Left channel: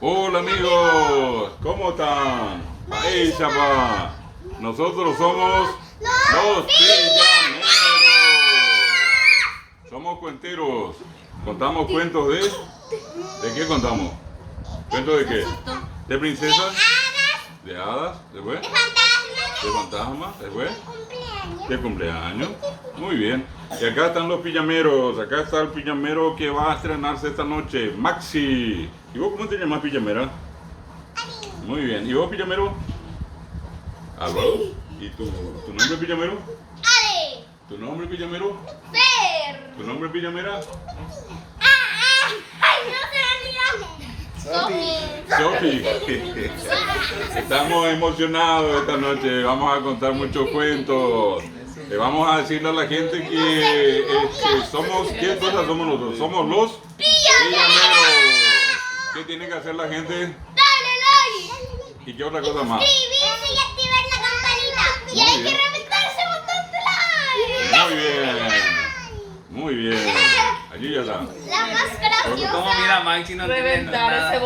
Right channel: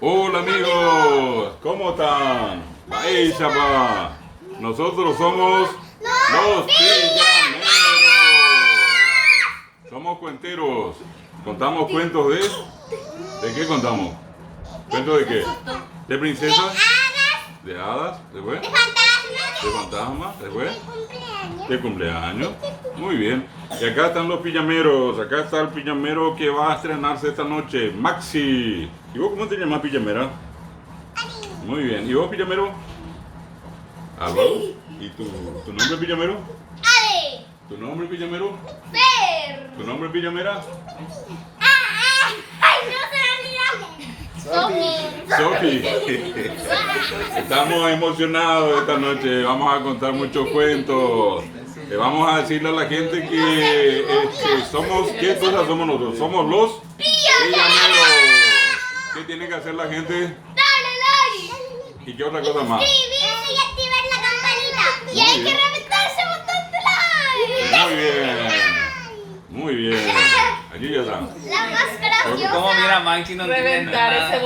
Hola amigos, ¿cómo están? Ahí, chapa. Nosotros somos los pijameros. Somos cuenteros. Contamos cuentos ¿de qué contamos? ¿Cuentos de qué? ¿De princesas? ¿De hadas? ¿Después? De fantasmas. ¿De fantasmas? ¿Después? De cumpleaños. De cumpleaños. Muy bien. Y acá están los pijameros. Acá está el pijamero que va a estrenarse esta noche, Maxi. ¿Y vos cómo te llamas, pijamera? Muy bien. ¿Y vos, pijamero? Álvaro. ¿Y tu nombre, pijamero? Ale. ¿Tu nombre, pijamero? Fer. ¿Tu nombre, pijamera? Ay, no se me olvida. Sofi. Estamos emocionados esta noche. Vamos a contar muchos cuentos. Le vamos a decirle a la gente que somos, ¿qué cosas somos nosotros? Somos los pijameros. ¿Qué tiene que hacer la gente? Dale like. ¿Y qué otra cosa más? Suscribirse y activar la campanita. Y hay que reventar ese botón de like. Muy bien. Muy bien. Allí ya está. La más graciosa. ¿Cómo mira Maxi? No entiende Reventar nada. ese